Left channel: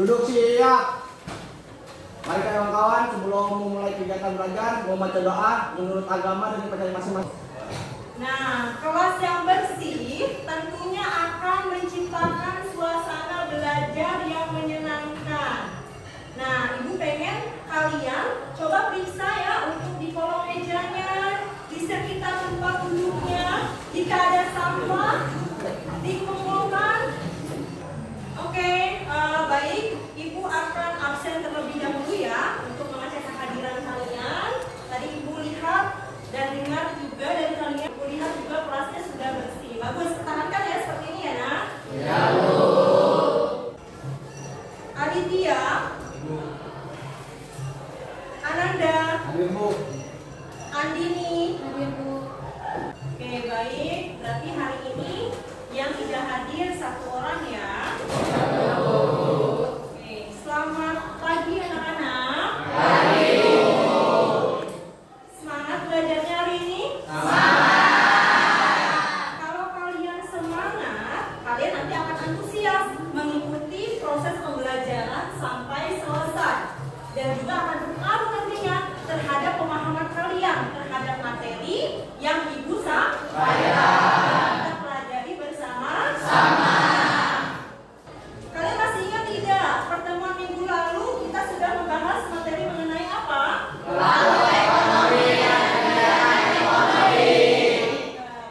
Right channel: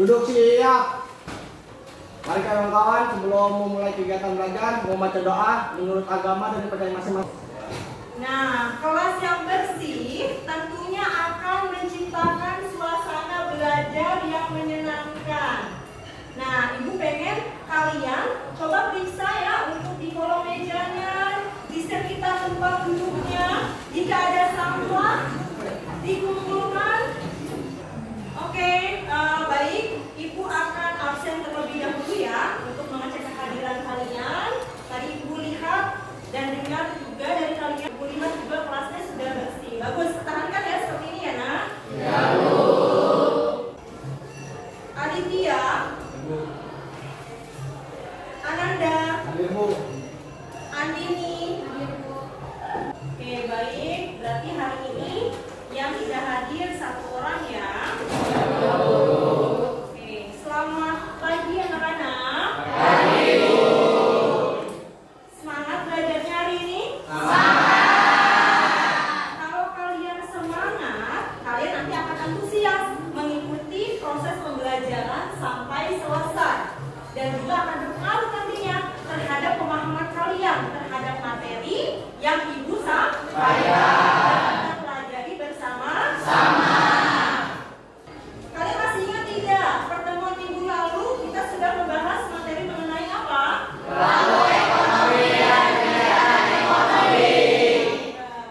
Duduk siap. Mari kawan-kawan, sebelum memulai kegiatan belajar, mau baca doa menurut agama dan percaya masing-masing. Nah, kelas yang bersih tentunya akan menciptakan suasana belajar yang menyenangkan. Nah, Ibu pengen kalian coba periksa ya untuk di kolom mejanya, di sekitar tempat duduknya. Jika ada sampah, dikumpulkan. Oke, baik. Ibu akan absen terlebih dahulu ya untuk mengecek kehadiran kalian. Tadi Ibu lihat dan dengar juga dari kalian. Ibu lihat juga kelasnya sudah bersih. Bagus, pertahankan ya seperti ini ya, Nak. Ya, Bu. Aditya, Ananda, Hadir, Bu. Andini. Oke, baik. Berarti hari ini yang tidak hadir satu orang ya. Oke, selamat pagi anak-anak. Pagi, Bu. Semangat belajarnya hari ini? Kalau kalian semangat, kalian nanti akan antusias mengikuti proses pembelajaran sampai selesai. Dan juga akan berpengaruh nantinya terhadap pemahaman kalian terhadap materi yang Ibu sampaikan. Kita pelajari bersama-sama. Kalian masih ingat tidak? Pertemuan minggu lalu kita sudah membahas materi mengenai apa? Pelaku ekonomi dan kegiatan ekonomi.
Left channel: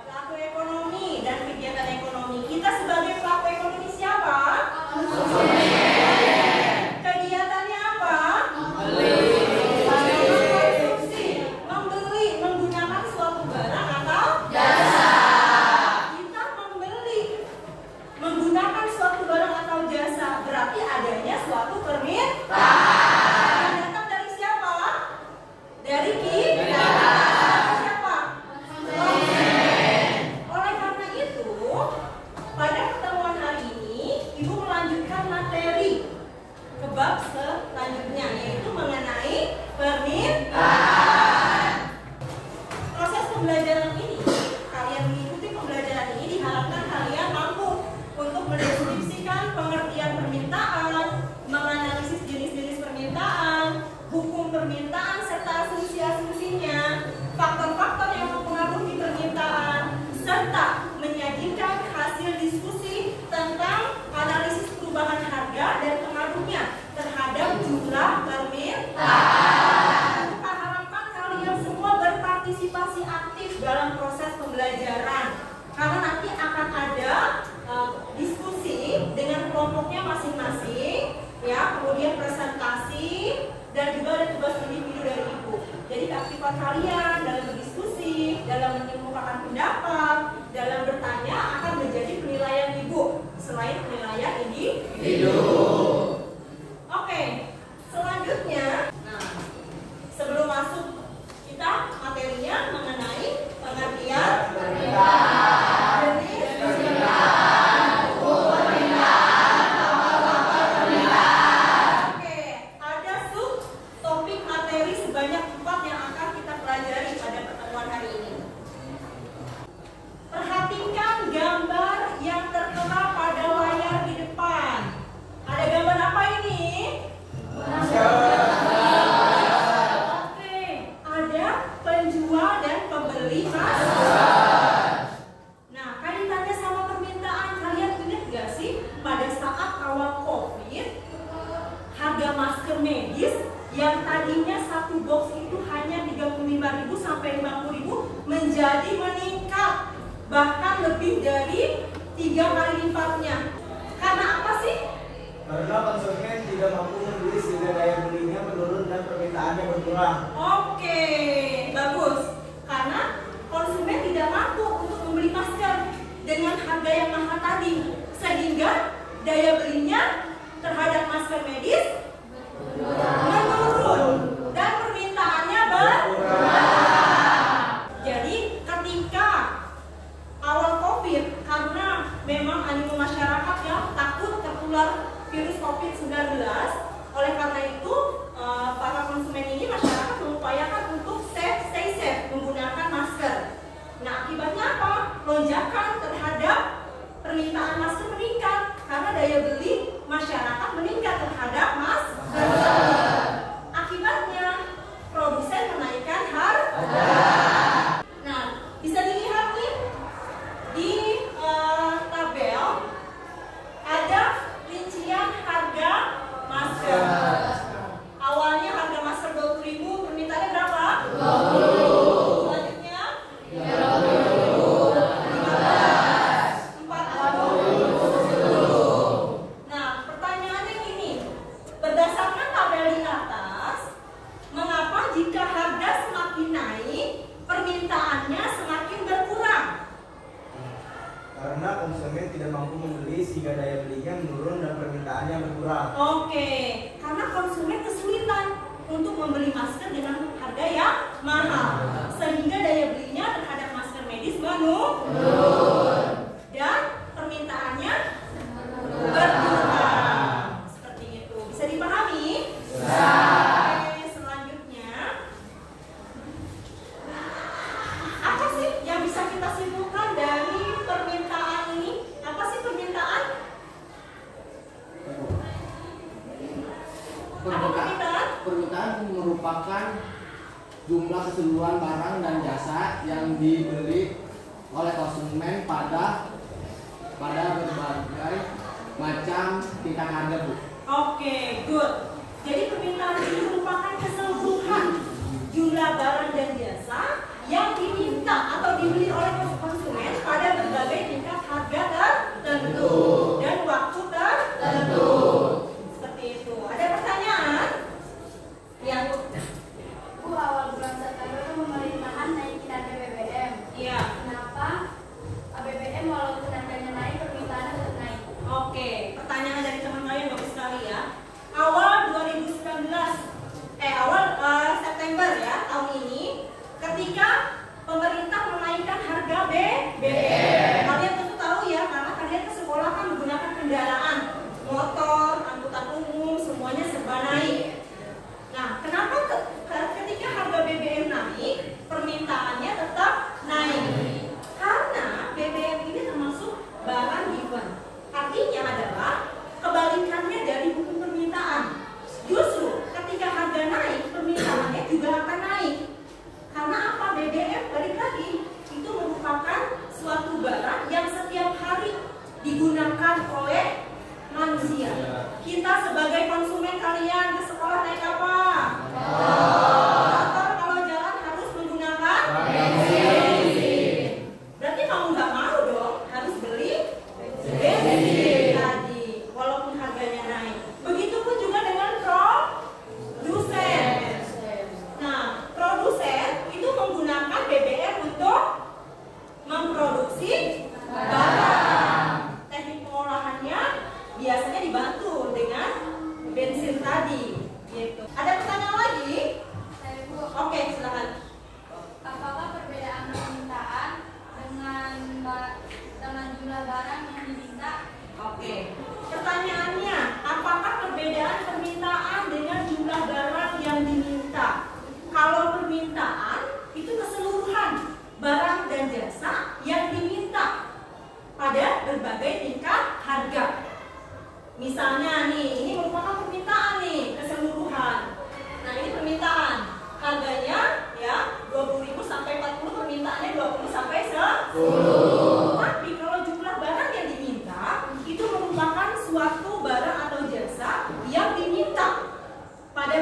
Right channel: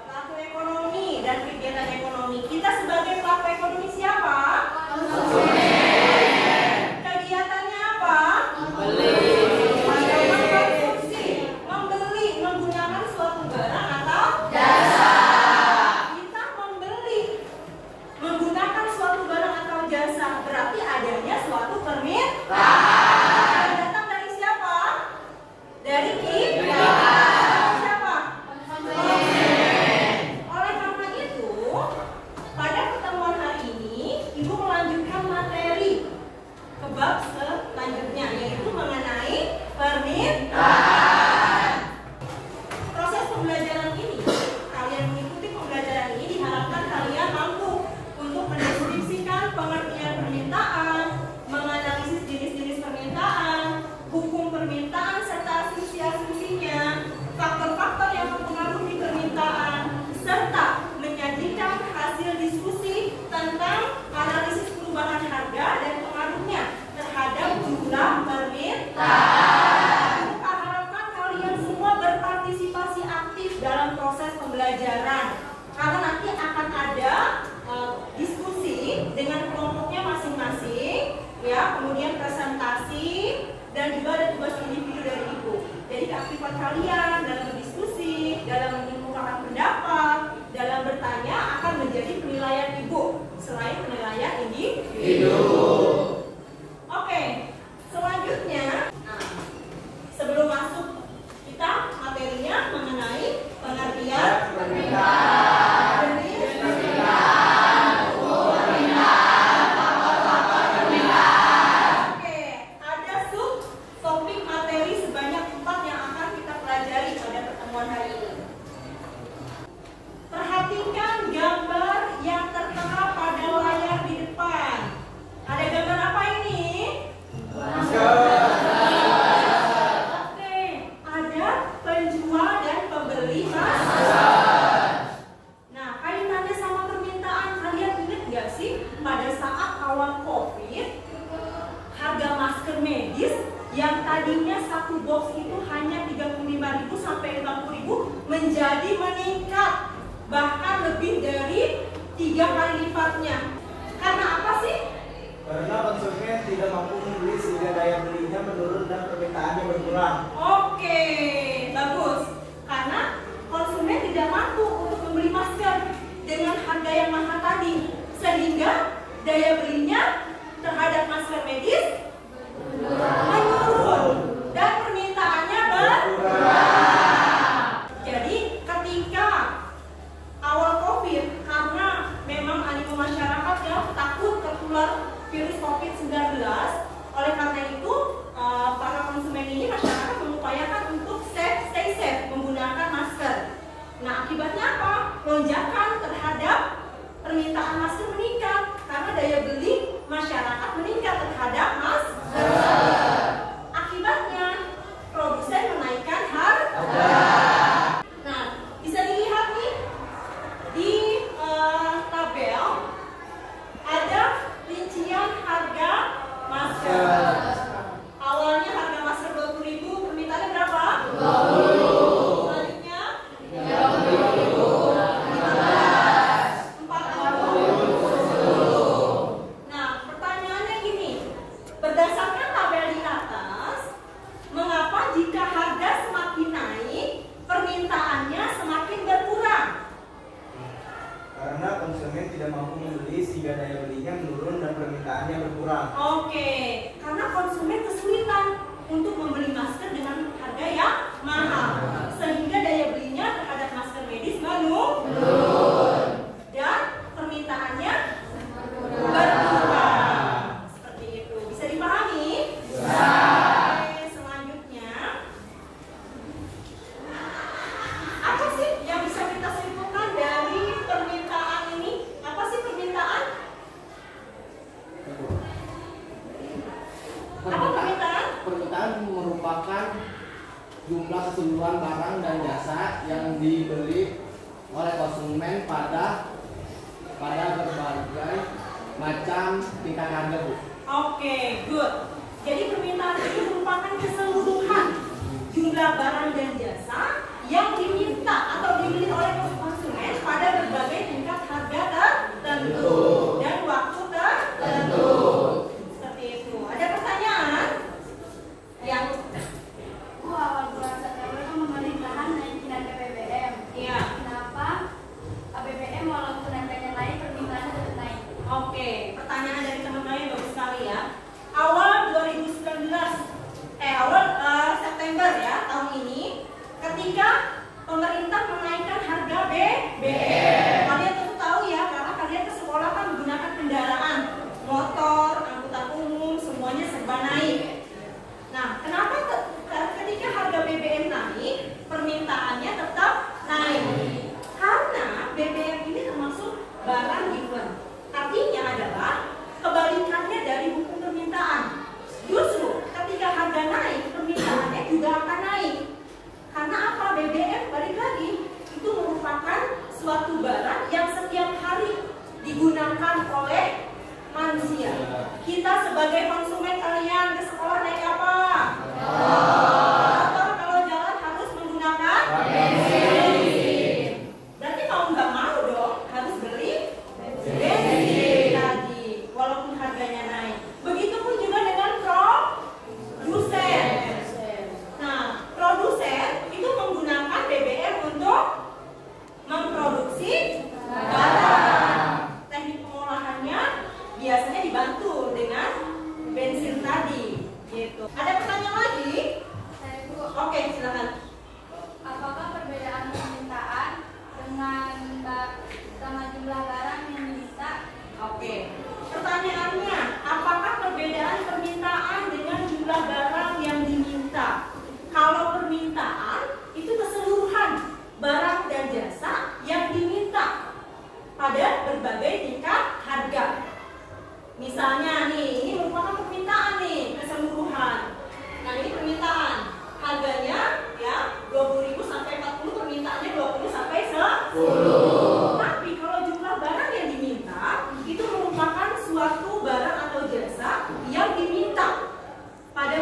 Pelaku ekonomi dan kegiatan ekonomi. Kita sebagai pelaku ekonomi siapa? Kegiatannya apa? Mengkonsumsi, membeli, menggunakan suatu barang atau jasa. Kita membeli, menggunakan suatu barang atau jasa, berarti adanya suatu permintaan. Yang datang dari siapa? Dari kita. Siapa? Oleh karena itu, pada pertemuan hari ini, Ibu melanjutkan materi ke bab selanjutnya, yaitu mengenai permintaan. Proses pembelajaran ini, kalian mengikuti pembelajaran ini diharapkan kalian mampu untuk mendeskripsikan pengertian permintaan, menganalisis jenis-jenis permintaan, hukum permintaan serta asumsi-asumsinya, faktor-faktor yang mempengaruhi permintaan, serta menyajikan hasil diskusi tentang analisis perubahan harga dan pengaruhnya terhadap jumlah permintaan. Kita harapkan kalian semua berpartisipasi aktif dalam proses pembelajaran, karena nanti akan ada diskusi dengan kelompoknya masing-masing, ya, kemudian presentasi dan juga ada tugas individu dari Ibu. Jadi keaktifan kalian dalam berdiskusi, dalam mengemukakan pendapat, dalam bertanya akan menjadi penilaian Ibu selain penilaian individu. Oke, selanjutnya, sebelum masuk kita materinya mengenai pengertian permintaan, jenis permintaan, hukum permintaan, faktor-faktor permintaan. Oke, ada topik materi sebanyak 4 yang akan kita pelajari pada pertemuan hari ini. Perhatikan gambar yang tertera pada layar di depan. Ada gambar apa ini? Oke, ada penjual dan pembeli masker. Nah, kaitannya sama permintaan, kalian ingat gak sih pada saat awal COVID, harga masker medis yang tadinya satu box itu hanya 35.000 sampai 50.000 menjadi meningkat, bahkan lebih dari 3 kali lipatnya. Karena apa sih? Karena konsumen tidak mampu membeli sehingga daya belinya menurun dan permintaannya berkurang. Oke, bagus. Karena konsumen tidak mampu untuk membeli masker dengan harga yang mahal tadi, sehingga daya belinya terhadap masker medis menurun dan permintaannya berkurang. Jadi ketika awal COVID, karena memang animo masyarakat yang takut tertular virus COVID-19, oleh karena itu para konsumen ini, masyarakat mengupayakan untuk stay safe menggunakan masker. Nah, akibatnya apa? Lonjakan terhadap permintaan masker meningkat karena daya beli masyarakat masyarakat meningkat terhadap masker. Akibatnya produsen menaikkan harga. Nah, bisa dilihat nih di tabel ada rincian harga masker. Awalnya harga masker 20.000, permintaannya berapa? 20. Selanjutnya 30.000, 15, 40. Nah, pertanyaannya gini, berdasarkan tabel di atas, mengapa jika harga semakin naik, permintaannya semakin berkurang? Karena konsumen tidak mampu membeli sehingga daya belinya menurun dan permintaannya berkurang. Oke, karena konsumen kesulitan untuk membeli masker dengan harga yang mahal, sehingga daya belinya terhadap masker medis menurun dan permintaannya berkurang. Seperti itu, bisa dipahami? Oke, selanjutnya, apa sih yang bisa kita simpulkan dari permintaan ini? Apa sih permintaan? Apa permintaan? Permintaan merupakan jumlah keseluruhan barang dan jasa yang dibeli oleh konsumen pada berbagai macam tingkat harga, Bu. Oke, good. Jadi permintaan ini merupakan keseluruhan jumlah barang dan jasa yang diminta atau dibeli oleh konsumen pada berbagai tingkat harga tertentu dan waktu tertentu. Seperti itu. Ada pertanyaan? Yang Bu, awal bulan September itu pemerintahan naikin harga BBM. Iya. Kenapa BBM walaupun harganya naik, permintaannya tetap naik? Oke, pertanyaan dari teman kalian bagus sekali ya. Awal 2019, awal September ya tahun ini, ketika pemerintah menaikkan harga BBM. Kalian tentu tahu ya, karena kalian ke sekolah kan menggunakan kendaraan, motor, angkutan umum, semuanya serba naik. Nah, kenapa ketika harga BBM naik, permintaannya tetap naik? Karena BBM ini termasuk barang given. Artinya adalah kebalikannya dari hukum permintaan. Justru ketika harga naik, permintaannya juga akan naik. Karena apa? BBM balik lagi itu merupakan suatu barang yang setiap hari digunakan oleh manusia. Kita sebagai konsumen, kalian ke sekolah naik apa? Motor. Kalau jalan harus menggunakan bensin. Berarti mau nggak mau dong harus beli bensin tadi, walaupun harganya naik. Begitupun juga dengan produsen. Nah, produsen itu menggunakan BBM untuk memproduksi barang. Teknik pengolahannya biasanya dibantu dengan bensin tadi. Gitu. Ada pertanyaan lagi? Saya, Bu, Oke, silakan. apakah perbedaan permintaan sama jumlah barang yang diminta? Oke. Pertanyaannya, apakah perbedaan permintaan dengan jumlah barang yang diminta? Kalau permintaan itu keseluruhan barang dan jasa yang diminta pada berbagai tingkat harga. Misalnya nih, ini merupakan permintaan nih, keseluruhan. Nah, ini permintaan. Harganya ya 20.000 sampai 40, permintaannya 20 sampai 10. Tapi kalau jumlah barang yang diminta itu merupakan suatu barang atau jasa yang diminta pada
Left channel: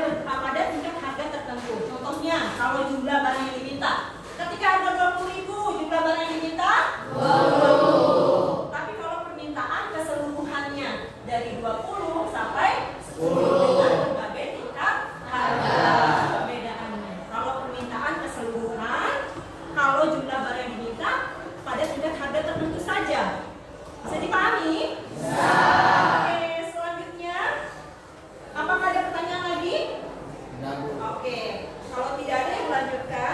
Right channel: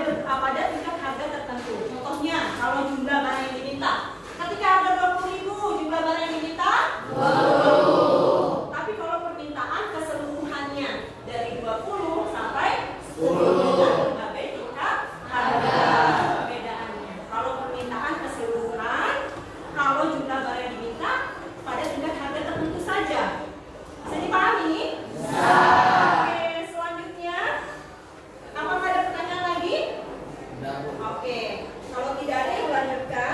tingkat harga tertentu. Contohnya, kalau jumlah barang yang diminta, ketika harga 20.000, jumlah barang yang diminta 20. Tapi kalau permintaan keseluruhannya dari 20 sampai 10 dengan berbagai tingkat harga. Perbedaannya, kalau permintaan keseluruhan, kalau jumlah barang yang diminta pada tingkat harga tertentu saja. Bisa dipahami? Oke, selanjutnya, apakah ada pertanyaan lagi? Oke, kalau tidak ada yang lanjutkan.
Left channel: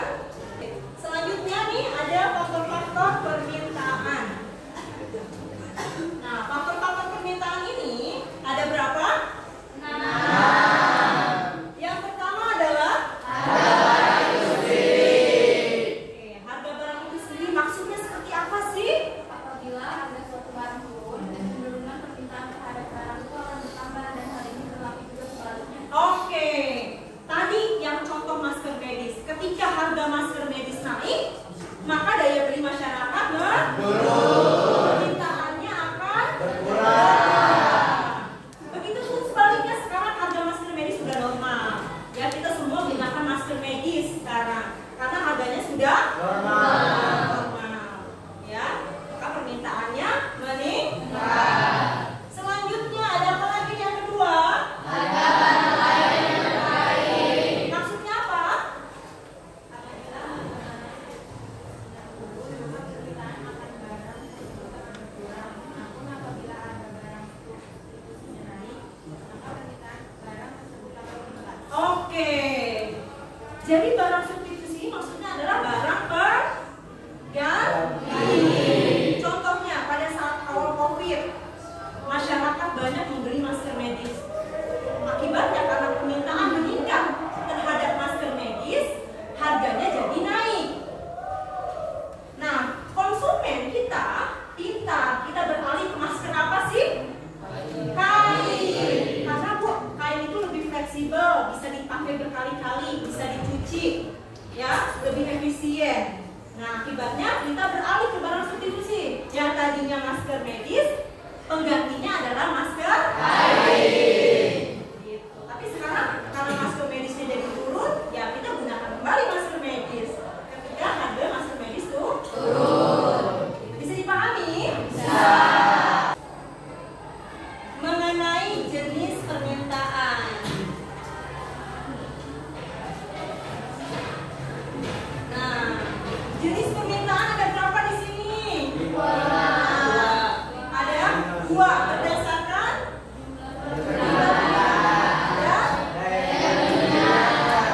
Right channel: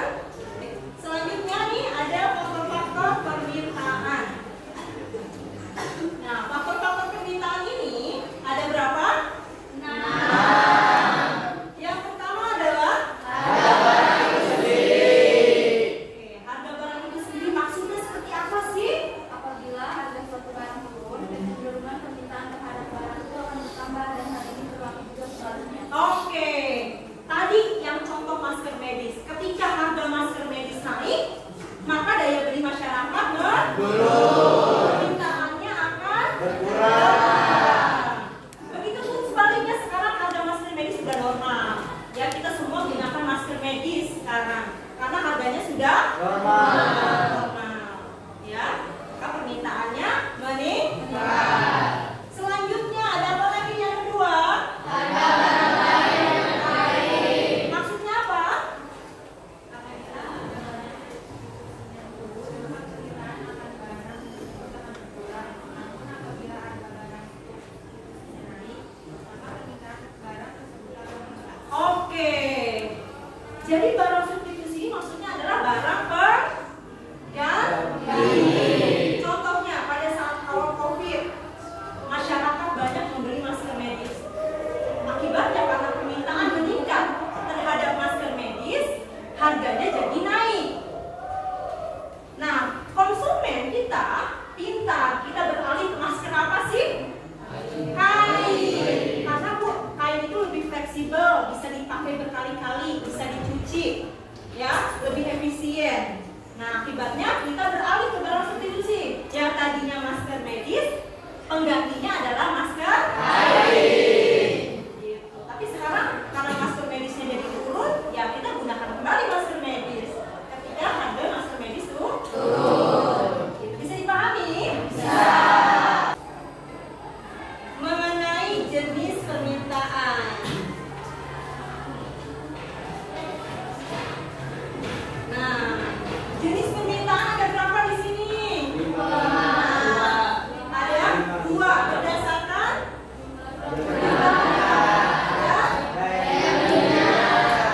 berdasarkan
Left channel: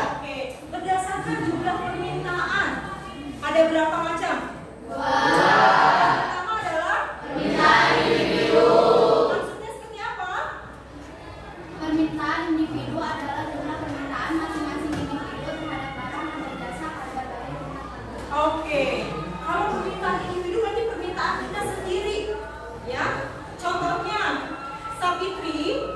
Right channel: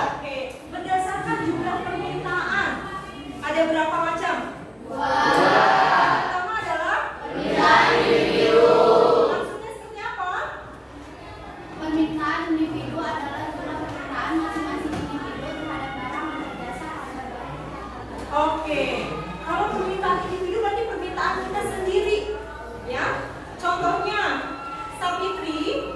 Oke, berdasarkan jumlah permintaan. Ada berapa macam? Yang pertama adalah permintaan individu. Maksudnya seperti apa? Permintaan individu adalah jumlah permintaan masing-masing individu terhadap barang atau jasa harga baik. Oke, kalau permintaan individu berarti permintaan kita sendiri, ya. Contohnya, Sapitri,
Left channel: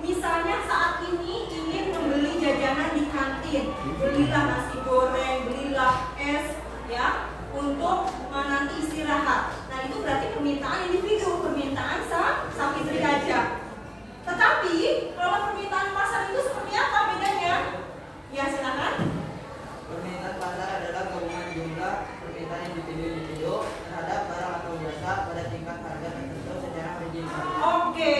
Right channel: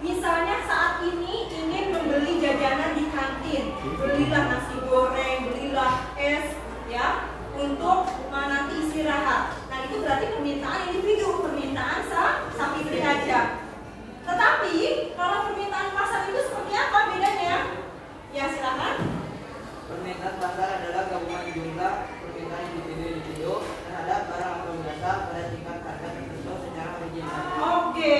misalnya saat ini ingin membeli jajanan di kantin, belilah nasi goreng, belilah es, ya, untuk nanti istirahat. Nah itu berarti permintaan individu, permintaan Sapitri aja. Tetapi kalau permintaan pasar itu seperti apa bedanya? Ya silakan. Permintaan pasar adalah gabungan jumlah permintaan individu terhadap barang atau jasa pada tingkat harga tertentu secara berjumlah. Oke,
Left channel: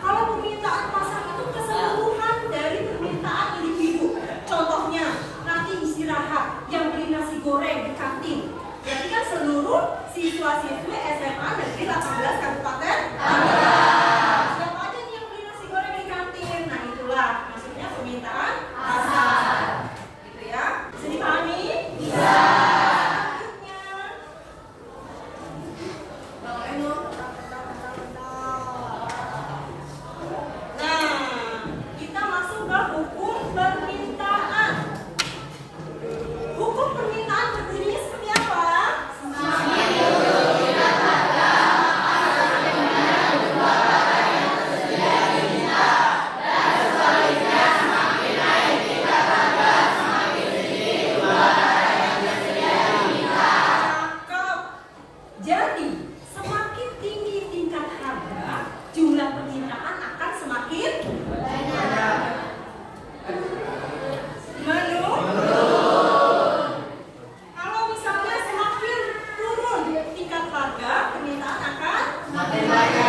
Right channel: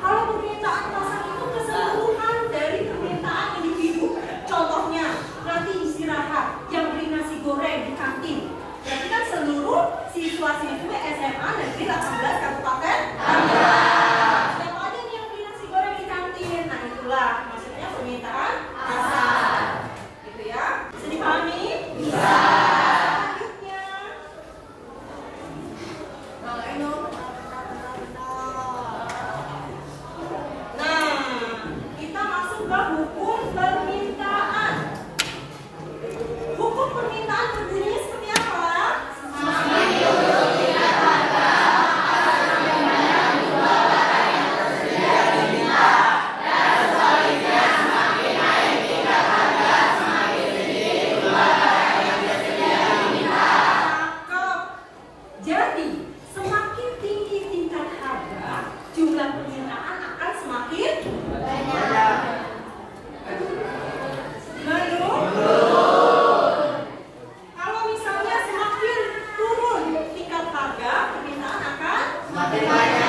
kalau permintaan pasar itu keseluruhan dari permintaan individu. Contohnya, nanti istirahat yang beli nasi goreng di kantin. Berarti kan seluruh siswa-siswi SMA Negeri 18 Kabupaten Tangerang. Siapa aja nih yang beli nasi goreng di kantin? Nah itulah maksudnya permintaan pasar. Gitu ya. Bisa dipahami? Bisa. Selanjutnya. Nah, kita masuk ke hukum permintaan. Hukum permintaan berbunyi seperti apa? Jadi, semakin tinggi tingkat harga, jumlah permintaan akan semakin banyak. Menurut? Kalau misalnya semakin turun tingkat harga, permintaan akan semakin banyak.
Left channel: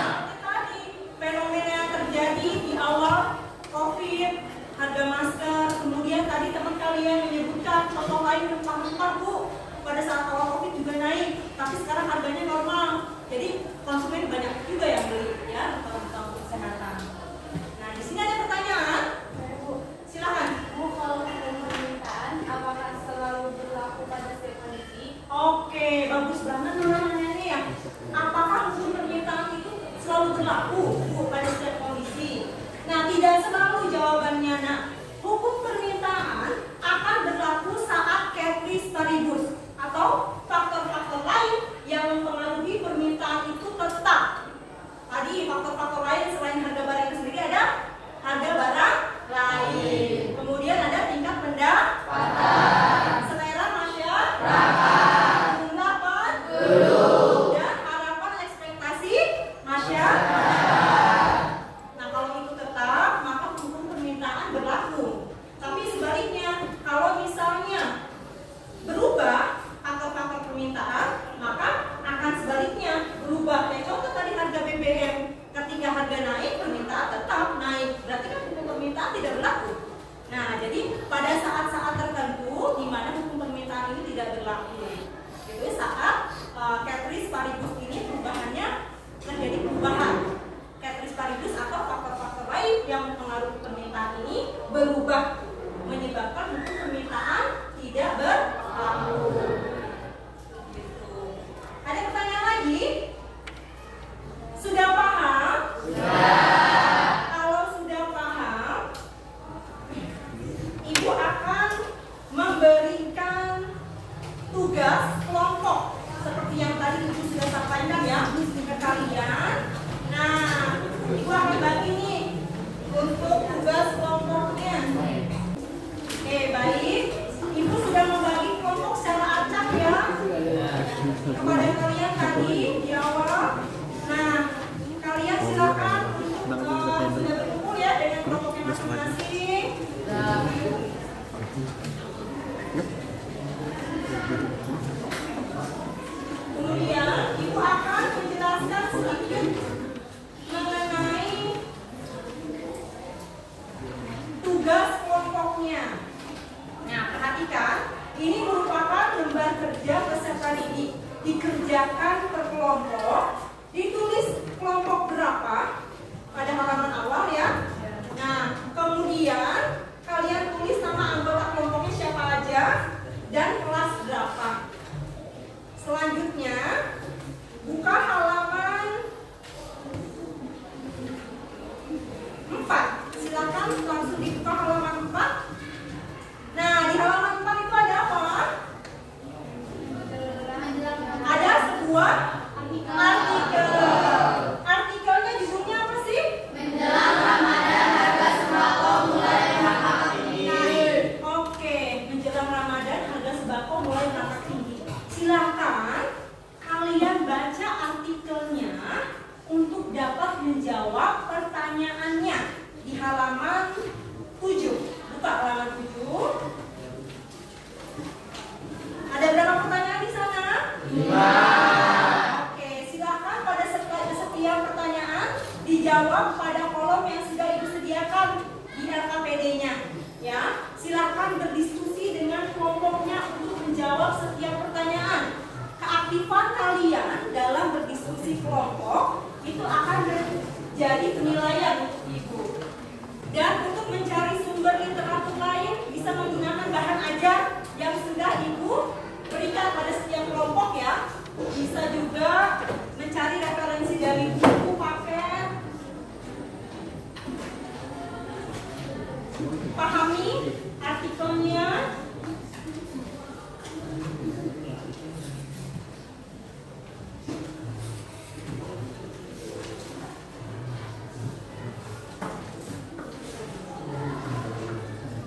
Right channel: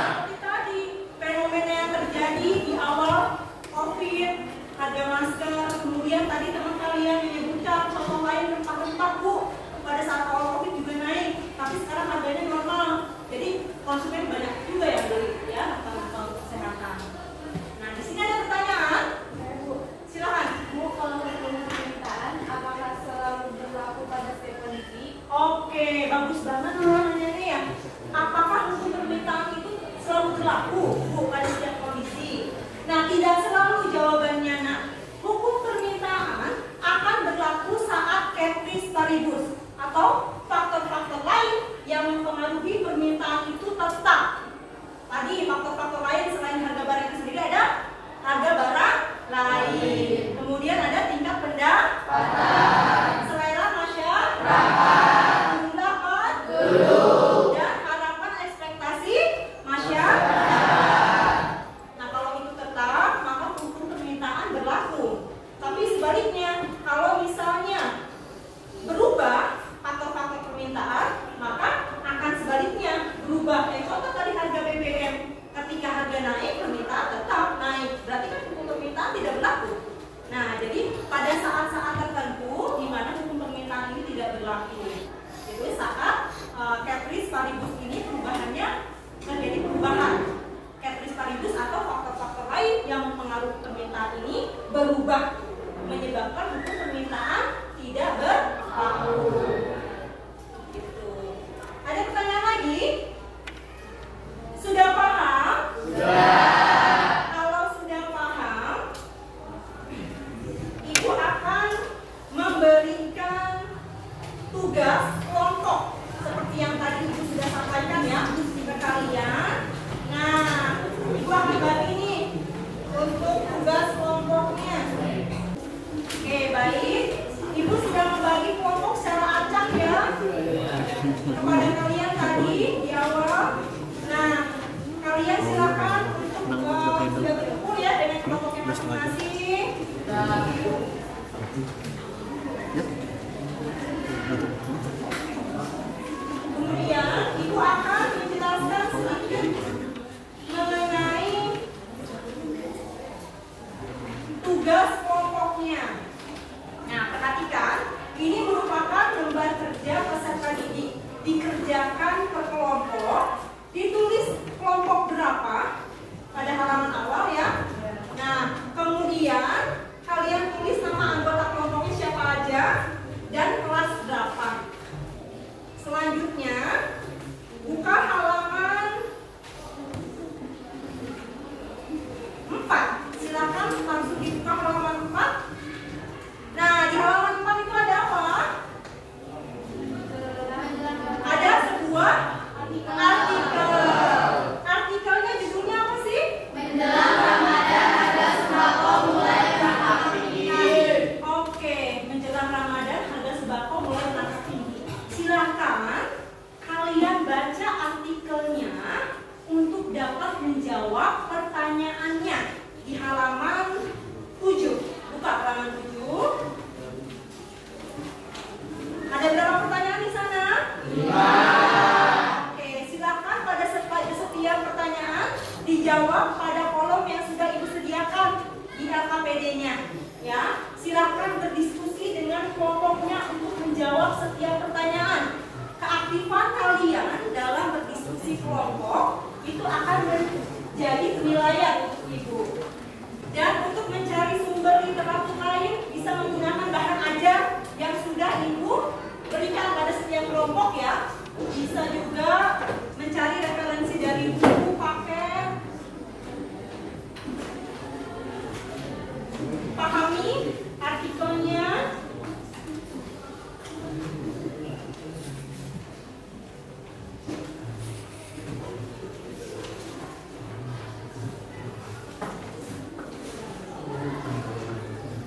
Seperti tadi, fenomena yang terjadi di awal COVID, harga masker, kemudian tadi teman kalian menyebutkan contoh lain rempah-rempah Bu. Pada saat awal COVID juga naik, tapi sekarang harganya normal. Jadi konsumen banyak juga yang beli ya untuk kesehatan. Nah di sini ada pertanyaan. Silakan. Bu, kalau hukum permintaan apakah selalu berlaku pada setiap kondisi? Oke, bagus banget pertanyaannya ini ya. Apakah hukum permintaan itu selalu berlaku pada setiap kondisi? Nah tidak selalu jawabannya nak. Hukum permintaan akan berlaku saat ceteris paribus atau faktor-faktor lain yang mempengaruhi permintaan itu tetap. Tadi faktor-faktor lain selain harga barang itu sendiri ada harga barang lain. Kemudian ada tingkat pendapatan, selera masyarakat, jumlah penduduk, dan harapan ekspektasi masyarakat. Nah kalau itu tetap, maka hukum permintaan berlaku. Tapi sebaliknya, kalau misalnya berubah faktor-faktor permintaan, maka akan sebaliknya berubah. Contoh tadi harga BBM, ketika harga naik, permintaan tetap naik. Berarti kan hukum permintaan tidak berlaku. Nah, jadi pada saat-saat tertentu di mana hukum permintaan ini tidak berlaku. Itu saat ceteris paribus ini perubahannya terjadi perubahan. Ceteris paribus atau faktor-faktor lain yang mempengaruhi permintaan ini berubah, menyebabkan hukum permintaan tidak berlaku. Gitu. Ada pertanyaan lagi? Sudah paham? Sudah. Kalau sudah paham, Ibu akan memberikan tugas kelompok seperti yang tadi Ibu sudah sampaikan ya ke kalian. Nah, Ibu akan bagi nih untuk tugas kelompoknya. Oke, baik. Ibu sudah membagi kelompok secara acak ya kepada kalian tadi di awal. Nah, kalian silakan sudah berkumpul ya dengan kelompoknya masing-masing. Kemudian Ibu akan menjelaskan sedikit mengenai tugas kelompoknya. Nah, perhatikan, ini merupakan lembar kerja peserta didik, dikerjakan per kelompok, ditulis kelompok halaman 7. Buka halaman 7. Ada berapa pertanyaan di sana? 5. Oke, silakan pada setiap pertanyaan dijawab pada kolom yang sudah Ibu sediakan di LKPD-nya. Ya, silakan berdiskusi dengan kelompoknya untuk menjawab setiap pertanyaan. Keaktifan kalian dalam berdiskusi kelompok itu akan menjadi penilaian untuk Ibu. Dan untuk mencari sumber literatur lain bisa menggunakan bahan ajar yang sudah Ibu berikan pada setiap kelompok ya. Bisa juga mencari referensi dari buku, paper. Pahami artikelnya.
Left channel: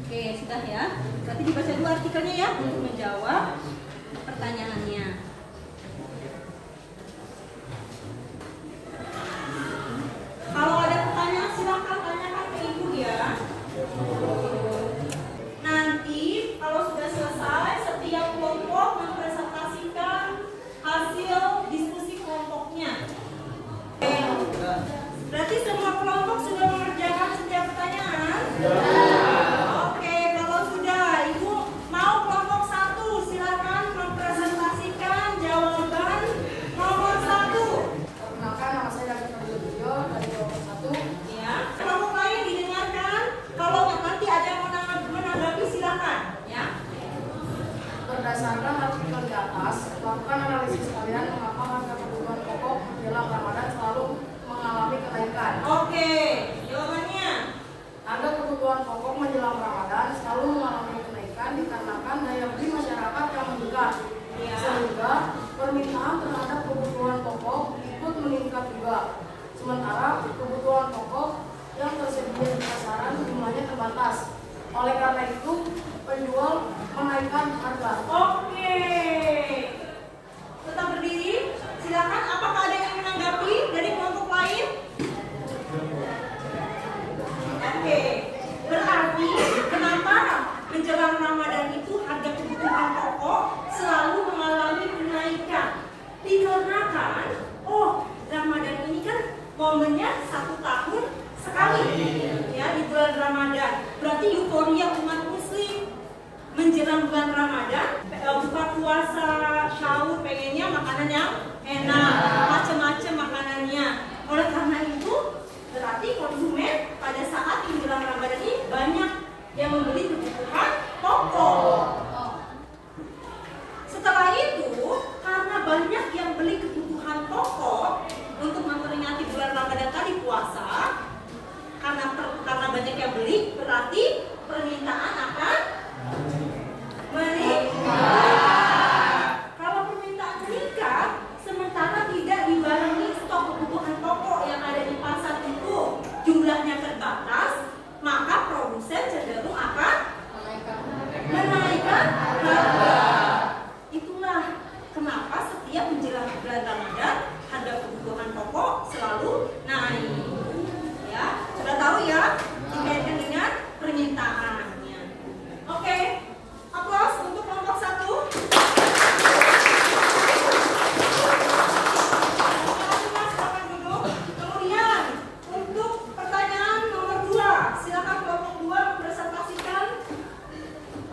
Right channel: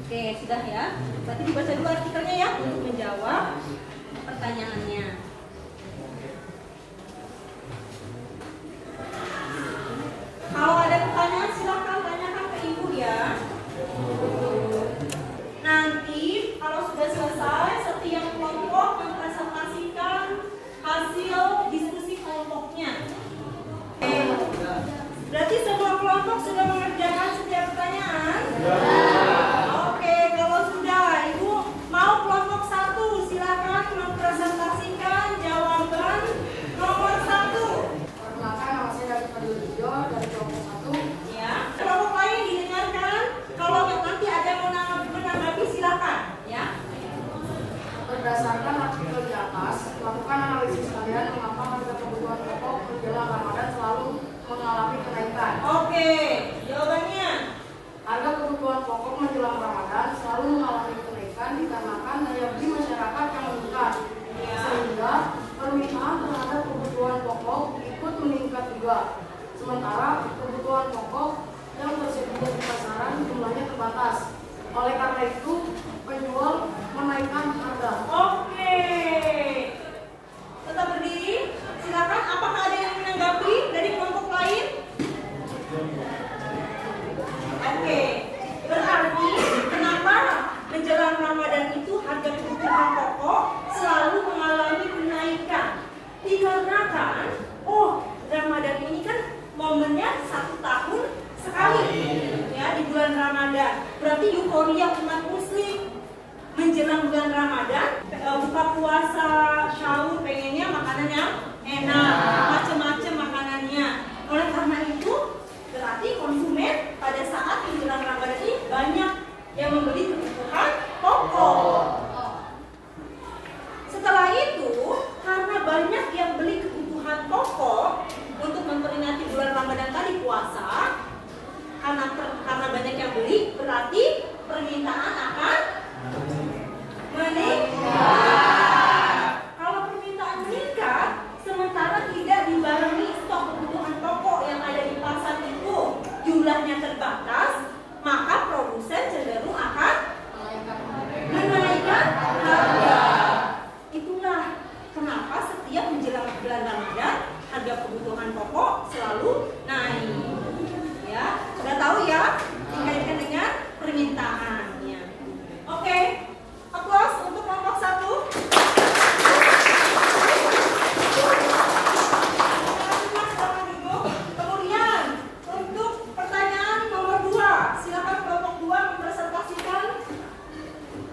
Oke, sudah ya. Berarti dibaca dulu artikelnya ya untuk menjawab pertanyaannya. Kalau ada pertanyaan silakan tanyakan ke Ibu ya. Nanti kalau sudah selesai setiap kelompok mempresentasikan hasil diskusi kelompoknya. Oke. Berarti semua kelompok sudah mengerjakan setiap pertanyaan? Oke, kalau sudah Ibu mau kelompok 1 silakan mempresentasikan jawaban nomor 1. Perkenalkan, nama saya David Fadil Bujo dari kelompok 1. Ya, kelompok lain didengarkan. Kalau nanti ada mau menanggapi silakan. Ya. Berdasarkan artikel di atas, lakukan analisis kalian mengapa harga kebutuhan pokok menjelang Ramadan selalu mengalami kenaikan. Oke, jawabannya. Harga kebutuhan pokok menjelang Ramadan selalu mengalami kenaikan dikarenakan daya beli masyarakat yang meningkat, Ya. sehingga permintaan terhadap kebutuhan pokok ikut meningkat juga. Sementara kebutuhan pokok yang tersedia di pasaran jumlahnya terbatas. Oleh karena itu, penjual menaikkan harga. Oke. Tetap berdiri. Silakan. Apakah ada yang menanggapi dari kelompok lain? Oke. Berarti kenapa menjelang Ramadan itu harga kebutuhan pokok selalu mengalami kenaikan? Dikarenakan, Ramadan ini kan momennya 1 tahun sekali ya di bulan Ramadan. Berarti euforia umat muslim menjelang bulan Ramadan, buka puasa, sahur, pengennya makanan yang enak, macam-macam makanannya. Oleh karena itu, berarti konsumen pada saat menjelang Ramadan ini banyak yang membeli kebutuhan pokok. Setelah itu, karena banyak yang beli kebutuhan pokok untuk memperingati bulan Ramadan tadi puasa, karena banyak yang beli, berarti permintaan akan meningkat. Kalau permintaan meningkat, sementara tidak dibarengi stok kebutuhan pokok yang ada di pasar itu jumlahnya terbatas, maka produsen cenderung akan menaikkan harga. Itulah kenapa setiap menjelang bulan Ramadan harga kebutuhan pokok selalu naik. Ya, sudah tahu ya, dikaitkan dengan permintaannya. Oke, aplaus untuk kelompok 1. Kemudian untuk pertanyaan nomor 2, silakan kelompok 2 mempresentasikan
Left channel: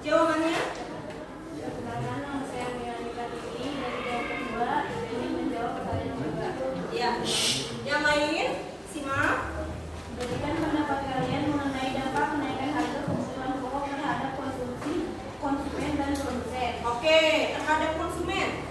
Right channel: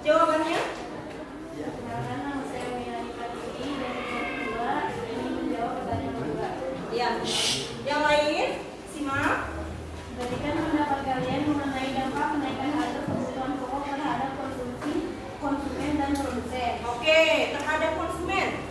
jawabannya. Perkenalkan, nama saya Melani Fatini dari kelompok 2 ingin menjawab pertanyaan kedua. Ya, yang lain simak. Berikan pendapat kalian mengenai dampak kenaikan harga kebutuhan pokok terhadap konsumen dan produsen. Oke, terhadap konsumen.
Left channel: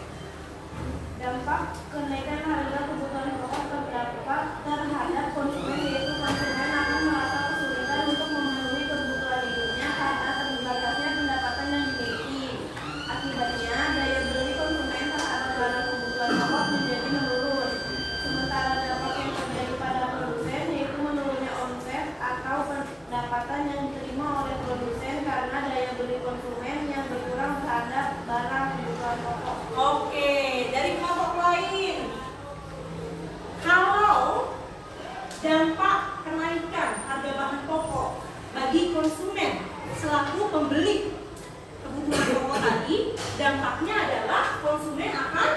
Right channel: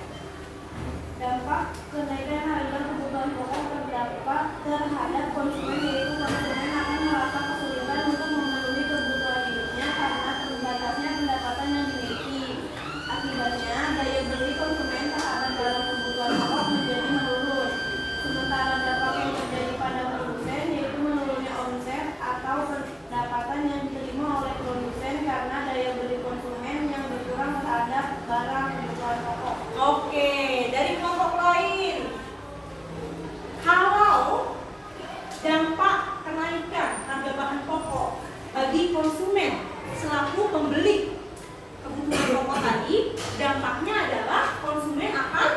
Dampak kenaikan harga kebutuhan pokok terdapat terhadap konsumen, yaitu konsumen akan merasa kesulitan untuk memenuhi kebutuhan hidupnya karena terbatasnya pendapatan yang dimiliki. Akibatnya, daya beli konsumen terhadap barang kebutuhan pokok menjadi menurun. Sementara dampak yang terjadi pada produsen yaitu menurunnya omset atau membeli kebutuhan pokok tadi, dampaknya adalah konsumen akan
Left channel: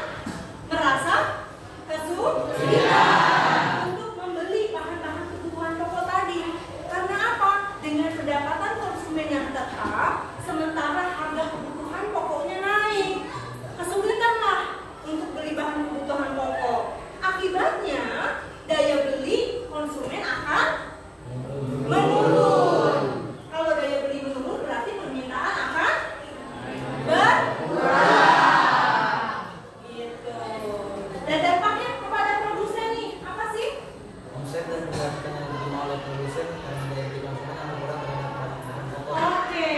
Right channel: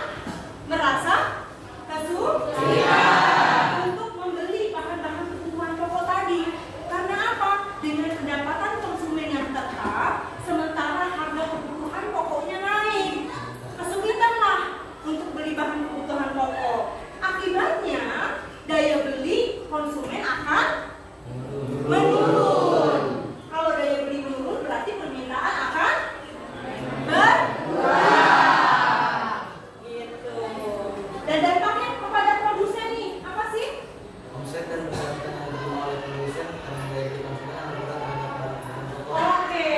merasa kesulitan untuk membeli bahan-bahan kebutuhan pokok tadi. Karena apa? Dengan pendapatan konsumen yang tetap, sementara harga kebutuhan pokoknya naik, kesulitanlah untuk beli bahan kebutuhan pokok. Akibatnya daya beli konsumen akan menurun. Kalau daya beli menurun berarti permintaan akan berkurang. Gitu. Dan dampaknya kepada produsen nih apa sih? Omset dan pendapatan yang diterima oleh produsen karena daya beli konsumen akan berkurang dengan pokok. Oke,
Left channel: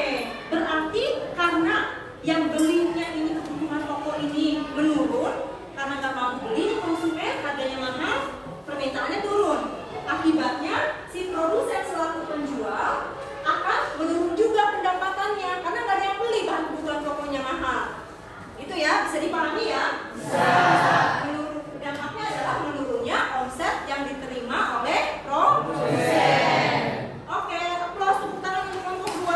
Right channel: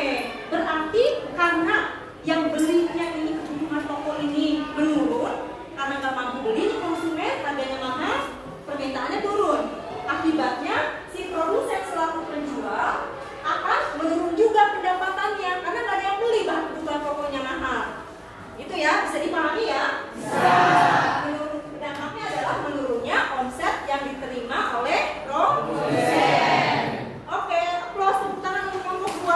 berarti karena yang belinya ini kebutuhan pokok ini menurun, karena nggak mampu beli konsumen, harganya mahal, permintaannya turun. Akibatnya si produsen selaku penjual akan menurun juga pendapatannya karena nggak ada yang beli bahan kebutuhan pokoknya mahal. Itu ya, bisa dipahami ya? Bisa. Dampaknya adalah menurunnya omset yang diterima oleh produsen. Oke, aplaus tepuk tangan untuk kelompok 2.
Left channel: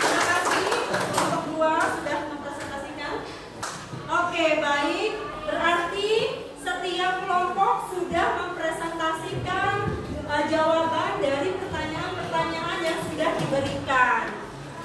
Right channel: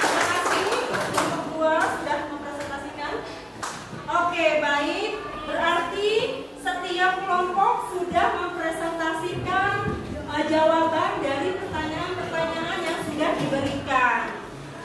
Terima kasih kelompok 2 sudah mempresentasikan. Oke, baik. Berarti setiap kelompok sudah mempresentasikan jawaban dari pertanyaan-pertanyaan yang sudah diberikan.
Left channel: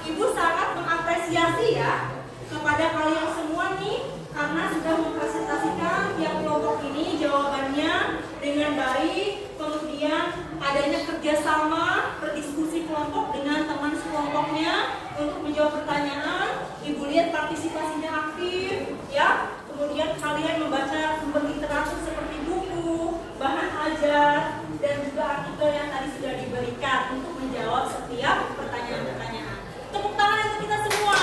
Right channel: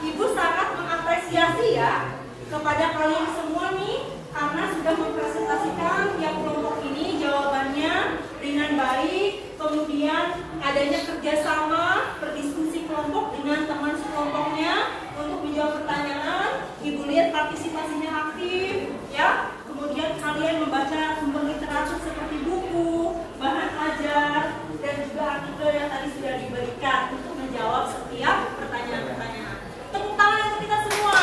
Ibu sangat mengapresiasi ya kepada kalian semua nih karena sudah mempresentasikan tiap kelompok ini jawabannya dengan baik, kemudian adanya kerjasama berdiskusi kelompok dengan teman sekelompoknya untuk menjawab pertanyaan. Ibu lihat partisipasinya aktif ya, kemudian kalian membaca sumber literatur seperti buku, bahan ajar, dan juga artikel yang tadi sudah diberikan untuk menjawab setiap pertanyaan-pertanyaan. Tepuk tangan untuk kita semua.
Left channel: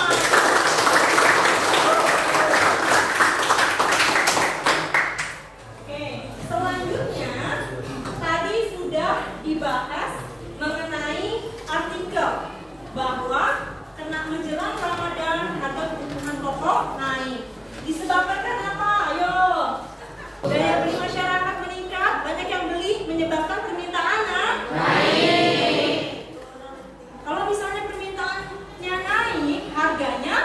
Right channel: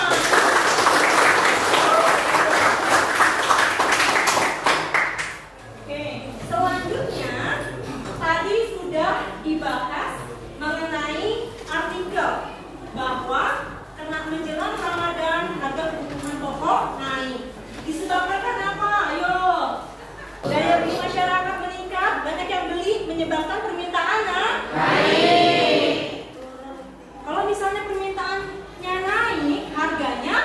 Oke, selanjutnya tadi sudah dibahas mengenai artikel bahwa kena menjelang Ramadan harga kebutuhan pokok naik. Disebabkan kenapa? Ayo. Daya beli masyarakat meningkat, banyak yang beli, menyebabkan permintaan naik. Kalau misalnya permintaannya naik, harganya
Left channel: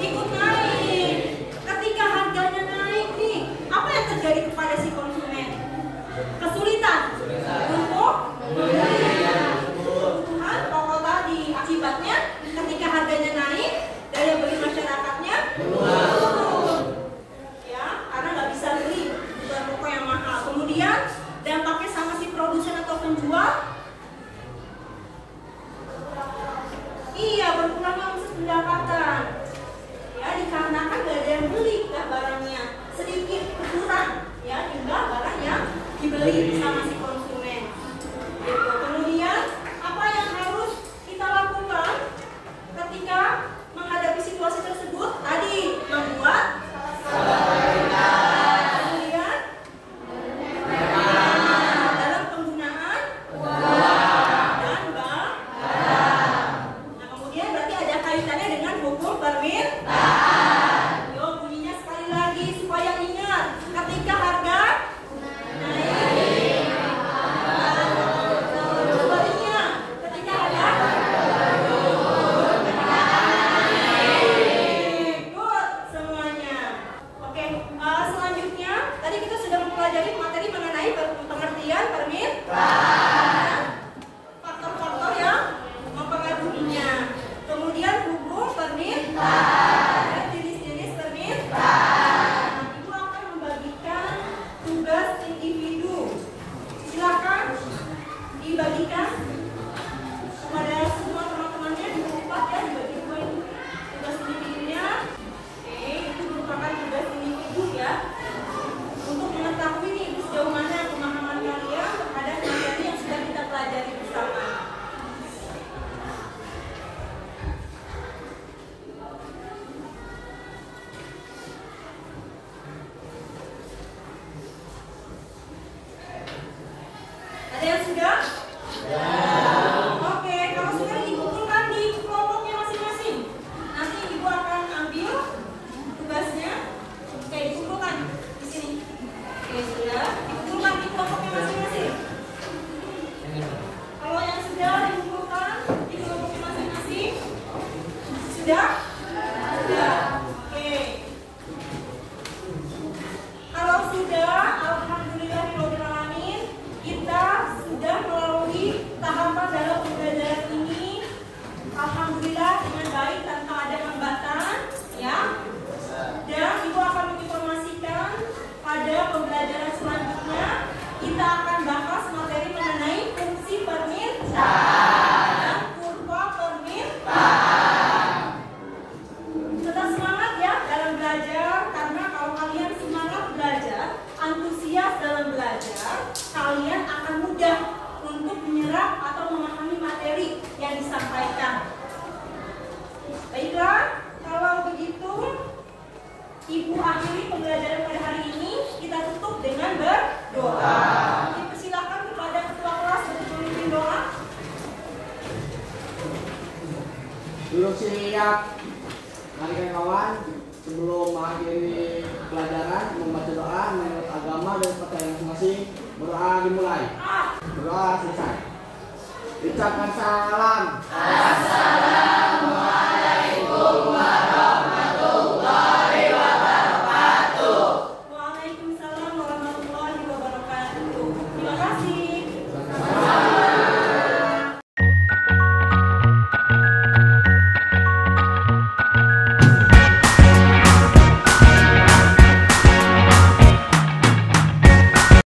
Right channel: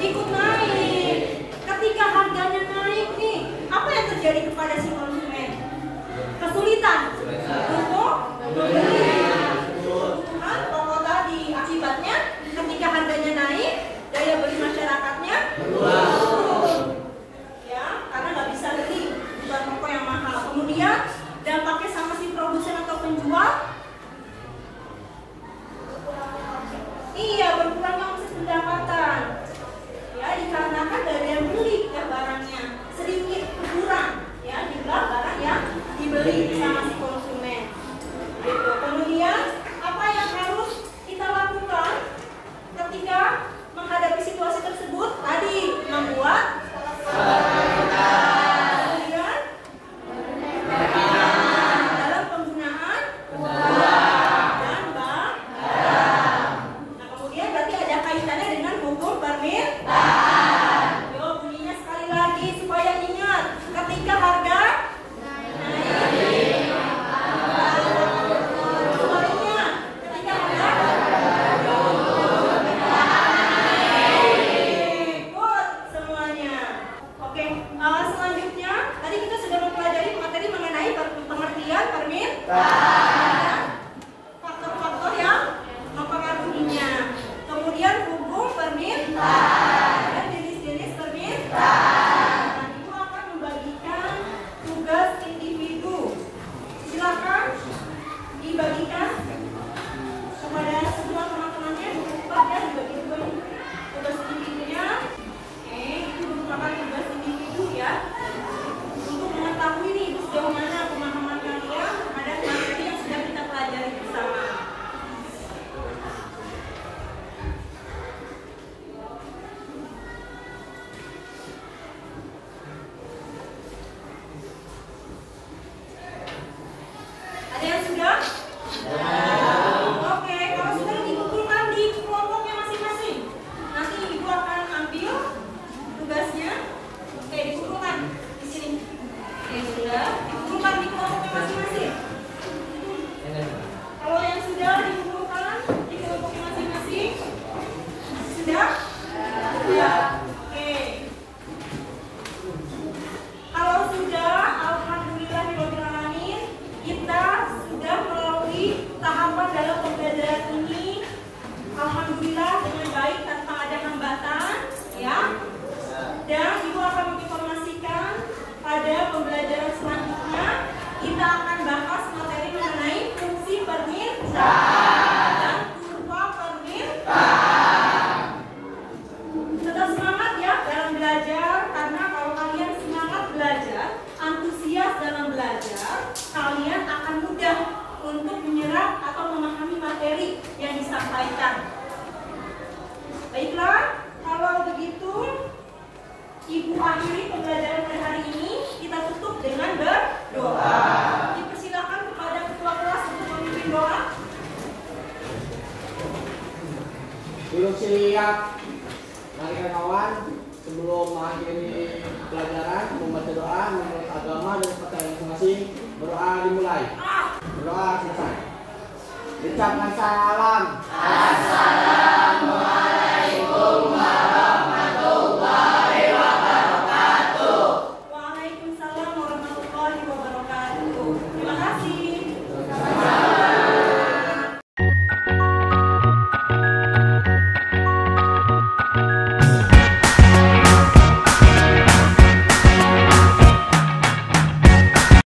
ikut naik. Ketika harganya naik nih, apa yang terjadi kepada si konsumen? Kesulitan untuk membeli kebutuhan pokok tadi. Akibatnya, ketika harganya naik, daya beli masyarakatnya turun. Ya, karena nggak bisa beli kebutuhan pokok yang mahal. Kemudian dampaknya sama si produsen atau penjual. Iya, berkurangnya omset pendapatan. Ya, dikarenakan nggak ada yang beli ya barangnya, sedikit berkurang ya jumlah barang yang dibeli sama si konsumen. Gitu. Kemudian apa yang harus kita lakukan ketika menghadapi situasi tersebut? Tadi membuat kemudian dalam penggunaan dan barang. Nah, kemudian berarti ada kaitannya dengan hukum permintaan. Yo, bunyinya sekali lagi supaya ingat, ketika harga naik, sebaliknya ketika harga ikut semuanya. Oke, selanjutnya tadi kita sudah mempelajari materi mengenai pengertian permintaan, faktor-faktor yang mempengaruhinya, kemudian hukum permintaan dan jenis-jenis permintaan. Ibu akan membagikan tugas individu. Silakan dibagikan kepada semua teman-temannya di tempat ya, dibagi poin tugas individunya. Oke, itu merupakan tugas individu ya, untuk mengetahui nih sejauh mana pemahaman kalian terhadap materi yang sudah kita pelajari bersama. Ada yang sudah? Oke, kalau sudah dikumpulkan di kelompoknya masing-masing. Nanti ibu akan ambil tugasnya. Oke, dikumpulkan di sini. Oke, sudah dikumpulkan di kelompoknya masing-masing. Kalau yang sudah dikumpulkan, Doa. Dipersilakan kepada ketua kelas untuk memimpin doa. Dulu siap. Mari kawan, sebelum mengakhiri pelajaran membaca doa menurut agama dan kepercayaan masing-masing. Berdoa dimulai. Berdoa selesai. Ucapkan salam.